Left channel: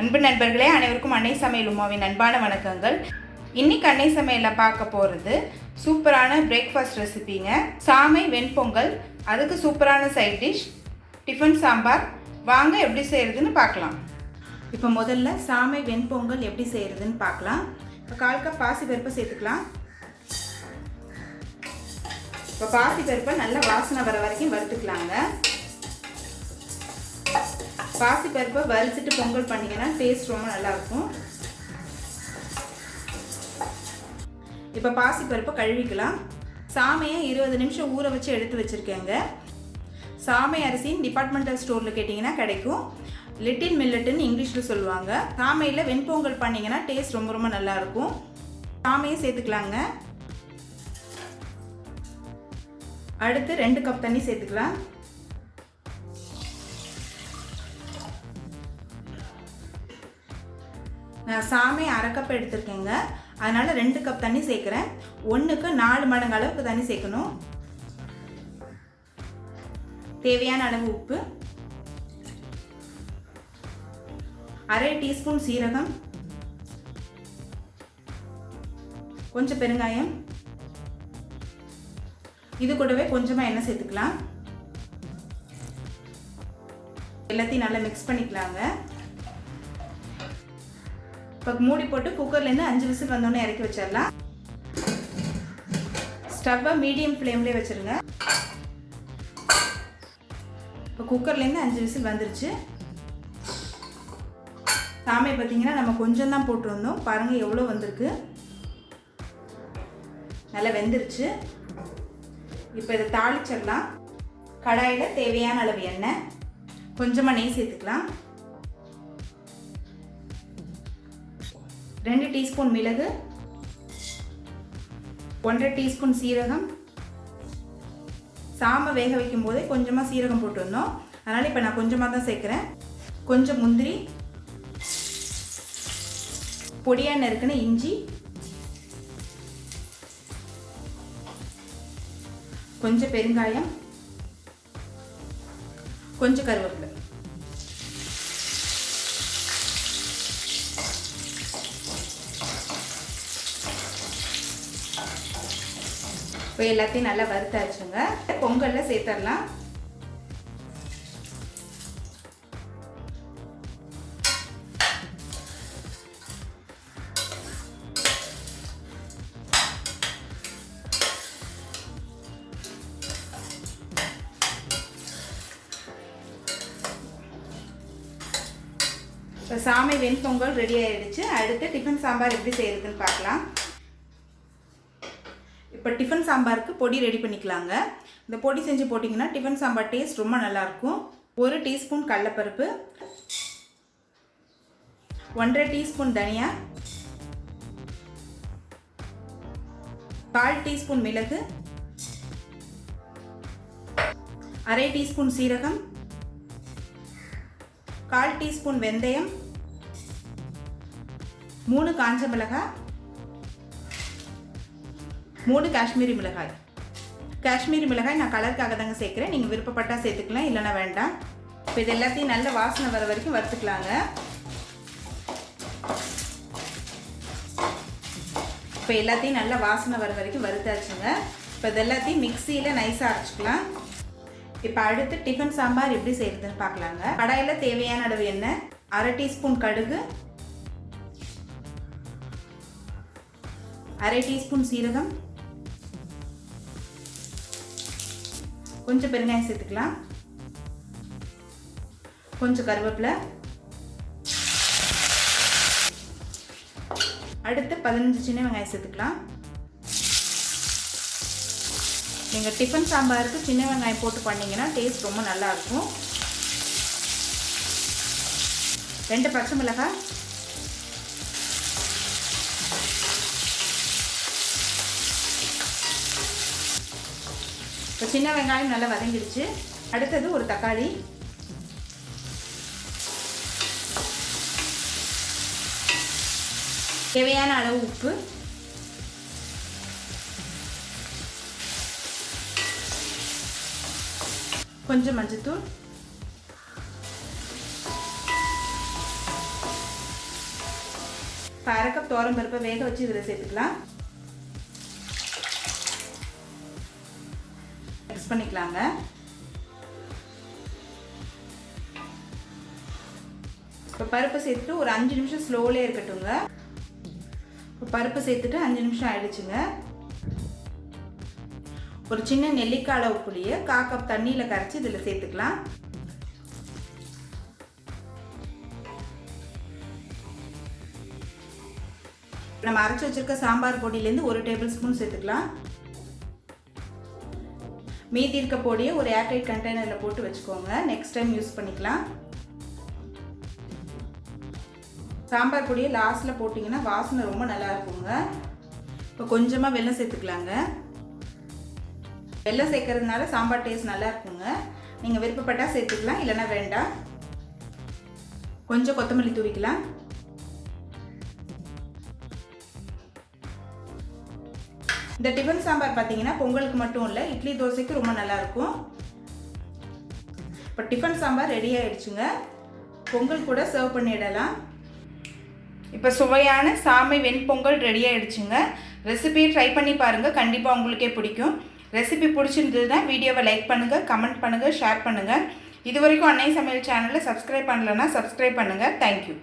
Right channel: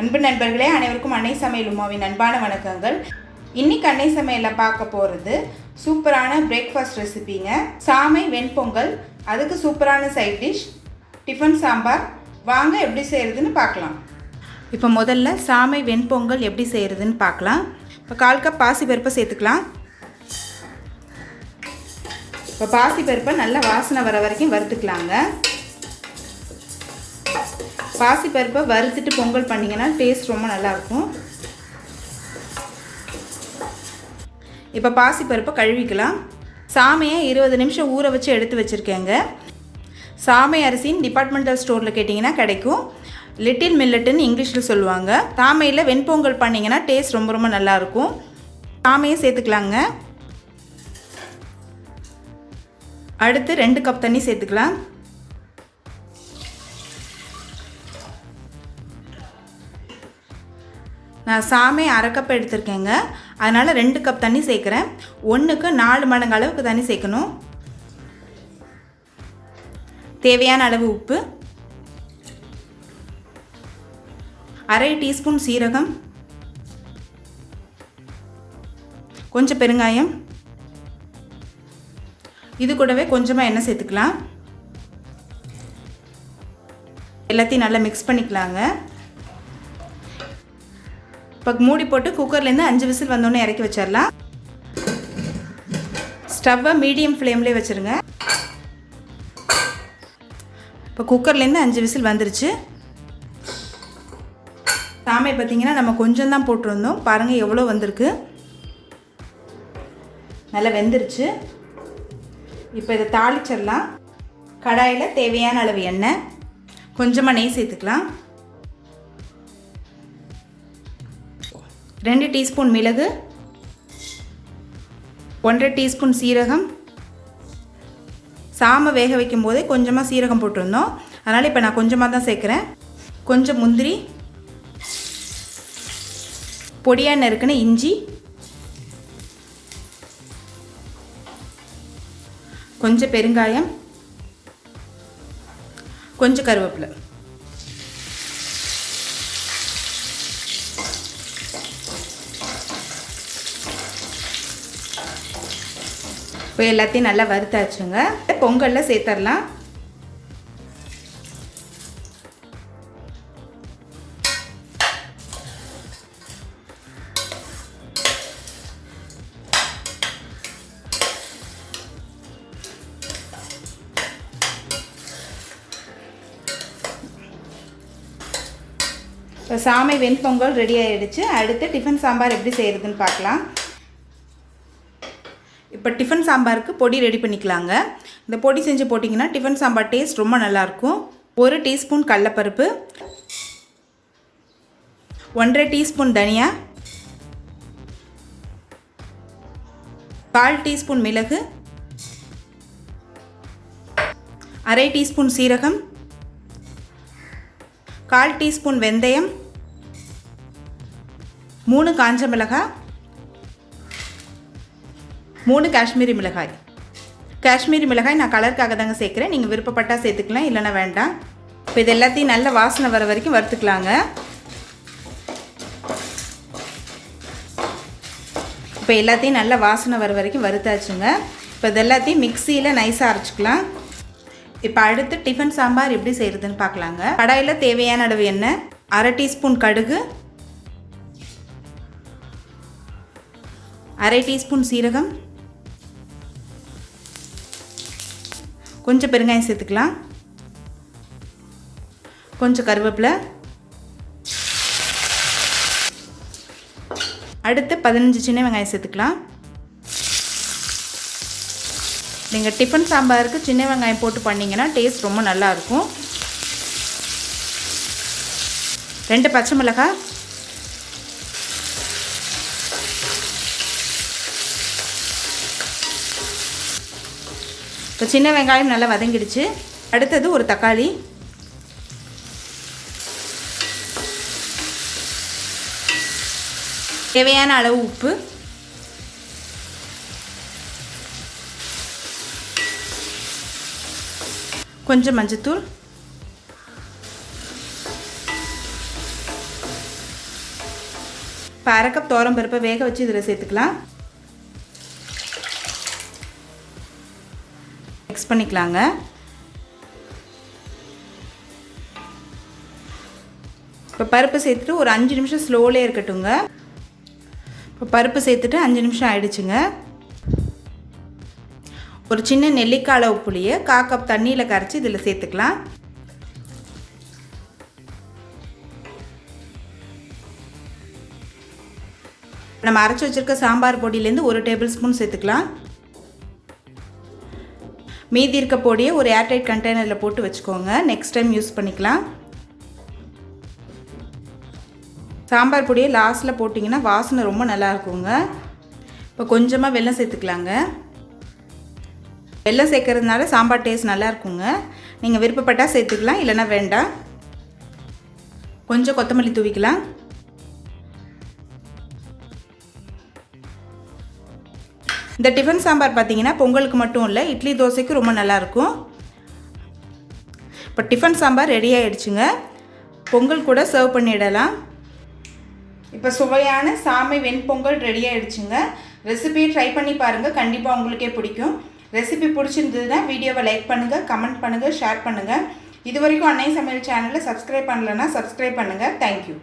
அன்பு நண்பர்களே, அனைவருக்கும் அன்னை சமையல் உமாவின் அன்பான வணக்கங்கள். இன்னைக்கு அன்னை சமையலில் பார்க்க போகிறது சூப்பரான பிரேக்ஃபாஸ்ட் ரெசிபிங்க. சாமை வெண்பொங்கல், அதுக்கு சூப்பரான சைட் டிஷ் டிஃபன் சாம்பார். வாங்க எப்படி செய்கிறதுன்னு பார்க்கலாம். இப்போ முதல்ல சாமை வெண்பொங்கல் எப்படி செய்கிறதுன்னு பார்க்கலாம். இப்போ 1/4 கப் பாசிப்பருப்பை சேர்த்துக்கலாம். இப்போ பாசிப்பருப்பை நல்லா வாசனை வர வரைக்கும் வறுத்துக்கலாங்க. பாசிப்பருப்பை வறுத்துட்டு பொங்கல் பண்ணிங்கன்னா டேஸ்ட் ரொம்ப நல்லாயிருக்கும். இப்போ பாசிப்பருப்பை கழுவிக்கலாம். சாமையை 20 நிமிஷம் ஊற வச்சு எடுத்து வச்சுருக்கேங்க. சாமை அரிசின்னு டிபார்ட்மெண்டல் ஸ்டோரில் கேட்டிங்கன்னா கிடைக்கும். லிட்டில் மில்லட்டுன்னு இங்கிலீஷில் சொல்லுவாங்க. சாமையில் வெண்பொங்கல் பண்ணிங்கன்னா டேஸ்ட் ரொம்ப ரொம்ப நல்லாயிருக்கும். சாமையை சேர்த்துக்கலாங்க. அடுத்து 2 கப் தண்ணி சேர்த்துக்கலாம். நான் சாமை 1/2 கப் எடுத்திருக்கேங்க, அதனால் 2 கப் தண்ணி சேர்க்குறேன். 1க்கு 4 மடங்கு அளவுக்கு தண்ணி சேர்க்கணும். தேவையான அளவு உப்பு, 1/2 டீஸ்பூன் சீரகம், கொஞ்சம் பெருங்காயம், இது கூடவே கொஞ்சமாக எண்ணெய் சேர்த்துக்கலாம். எல்லாத்தையும் நல்லா மிக்ஸ் பண்ணிக்கலாங்க. இப்போ மூடி போட்டு குக்கர்லேருந்து 5 விசில் வந்தோடனே இறக்கி வச்சிடலாம். ஸ்டவ்வை மீடியம் ஃப்ளேம்லேயே வச்சுருங்க. இப்போ குக்கர்லேருந்து 5 விசில் வந்துருச்சு. சாமை பார்த்திங்கன்னா நம்ம கொஞ்சம் தான் போட்டிருந்தோம், பாருங்கள் எவ்வளோ வந்திருக்கு. நல்லா வெந்துருச்சு. இப்போ இதை தாளிச்சிடலாம். கடாயில் தேவையான அளவு எண்ணெய், கொஞ்சமாக நெய் சேர்த்துக்கலாம். 2 டீஸ்பூன் மிளகு, 1/2 டீஸ்பூன் சீரகம். சாமை வேக வைக்கும் போதே கொஞ்சமாக சீரகம் போட்டிருந்தோம், அதனால் இப்போ நான் கொஞ்சமாக தான் சேர்க்குறேன். கொஞ்சம் முந்திரி, பொடியாக நறுக்குன இஞ்சி, கொஞ்சம் பெருங்காயம், கொஞ்சம் கருவேப்பிலை. இப்போ எல்லாத்தையும் நல்லா வறுத்தாச்சுங்க. பொங்கலில் சேர்த்துடலாம். இப்போ சாமை வெண்பொங்கல் ரெடி ஆகிடுச்சு. அடுத்து டிஃபன் சாம்பார் எப்படி செய்கிறதுன்னு பார்க்கலாம். இப்போ டிஃபன் சாம்பாருக்கு பொடி ரெடி பண்ணிக்கலாங்க. இந்த பொடி செஞ்சு போட்டிங்கன்னா டிஃபன் சாம்பார் டேஸ்ட் ரொம்ப நல்லாயிருக்கும். 1 டீஸ்பூன் கடலைப்பருப்பு, 1/2 டீஸ்பூன் தனியா, 1/4 டீஸ்பூன் மிளகு, 1/2 டீஸ்பூன் சீரகம், 1/4 டீஸ்பூன் வெந்தயம், 3 காஞ்ச மிளகாய், 3 காஷ்மீரி மிளகாய். காஷ்மீரி மிளகாய் நான் கலருக்காக தாங்க சேர்க்குறேன், நீங்கள் விருப்பப்பட்டால் சேர்த்துக்கலாம், இல்லைன்னா வேண்டாம். இப்போ இது எல்லாத்தையும் நல்ல வாசனை வர வரைக்கும் வறுத்துக்கலாங்க. இப்போ எல்லாத்தையும் நல்ல வாசனை வர வரைக்கும் வறுத்தாச்சுங்க. இப்போ இது எல்லாத்தையும் மிக்சியில் நைஸாக அரைச்சிக்கலாம். இப்போ அடுத்து டிஃபன் சாம்பார் எப்படி செய்கிறதுன்னு பார்க்கலாங்க. கடாயில் தேவையான அளவு எண்ணெய், 1/2 டீஸ்பூன் கடுகு, 1/2 டீஸ்பூன் சீரகம், கொஞ்சம் பெருங்காயம் சேர்த்துக்கலாம், கொஞ்சம் கருவேப்பிலை. அடுத்து 15 சின்ன வெங்காயம் சேர்த்துக்கலாம். நீங்கள் டிஃபன் சாம்பாருக்கு சின்ன வெங்காயம் போட்டு பண்ணிங்கன்னா டேஸ்ட் ரொம்ப நல்லாயிருக்கும். 2 பச்சை மிளகாய், இப்போ சின்ன வெங்காயம் நல்லா வதங்கிடுச்சு. அடுத்தது ஒரு தக்காளி, தேவையான அளவு உப்பு, கொஞ்சம் மஞ்சத்தூள், இப்போ அரை கப் துவரம் பருப்பை வேக வச்சு இதில் சேர்த்துக்கலாம். மிக்ஸ் பண்ணிக்கலாங்க. இப்போ பருப்பு சேர்த்துட்டு ஒரு 5 நிமிஷம் ஸ்லோலே இருக்கட்டுங்க. இப்போ பருப்பு சேர்த்துட்டு 5 நிமிஷம் ஆயிடுச்சுங்க. ஒரு சின்ன நெல்லிக்காய் அளவு புளியை 1/4 கப் தண்ணியில் கரைச்சி இதில் சேர்த்துக்கலாம். நம்ம அரைச்சி வச்சுருக்க சாம்பார் பொடியிலேருந்து 1 டேபிள் ஸ்பூன் சேர்த்துக்கலாம். மீதி இருக்க பொடியை ஒரு ஏர்டைட் கண்டெய்னரில் போட்டு வச்சுக்கோங்க. நெக்ஸ்ட் டைம் யூஸ் பண்ணிக்கலாம். சாம்பார் பொடியை லாஸ்ட்டில் போட்டிங்கன்னா வாசனை ரொம்ப நல்லா இருக்குங்க. இப்போ கொஞ்சமாக வெல்லம் சேர்த்துக்கலாங்க. வெல்லம் சேர்க்கறதுனால சாம்பார் டேஸ்ட் நல்லா இருக்குங்க. நீங்கள் விருப்பப்பட்டால் சேர்த்துக்கலாம், இல்லைன்னா வேண்டாம். கொஞ்சம் கொத்தமல்லி தூவிக்கலாம். இந்த டிஃபன் சாம்பார் பார்த்தீங்கன்னா பொங்கலுக்கு மட்டும் இல்லை, இட்லி தோசைக்கு ரொம்ப நல்லாயிருக்கும். இப்போ டிஃபன் சாம்பார் ரெடி ஆகிடுச்சுங்க. பொங்கல் கூட சர்வ் பண்ணிடலாம். இப்போ சுவையான சாமை வெண்பொங்கல் ரெடி ஆகிடுச்சுங்க. ரெசிபியை ட்ரை பண்ணி பாருங்கள், கண்டிப்பாக உங்களுக்கே பிடிக்கும். ரெசிபி பிடிச்சிருந்ததுன்னா வீடியோவை லைக் பண்ணுங்கள், கமெண்ட் பண்ணுங்கள், ஷேர் பண்ணுங்கள். இது வரைக்கும் அன்னை சமையல் சேனலை சப்ஸ்கிரைப் பண்ணலைன்னா சப்ஸ்கிரைப் பண்ணுங்கள். தேங்க்யூ.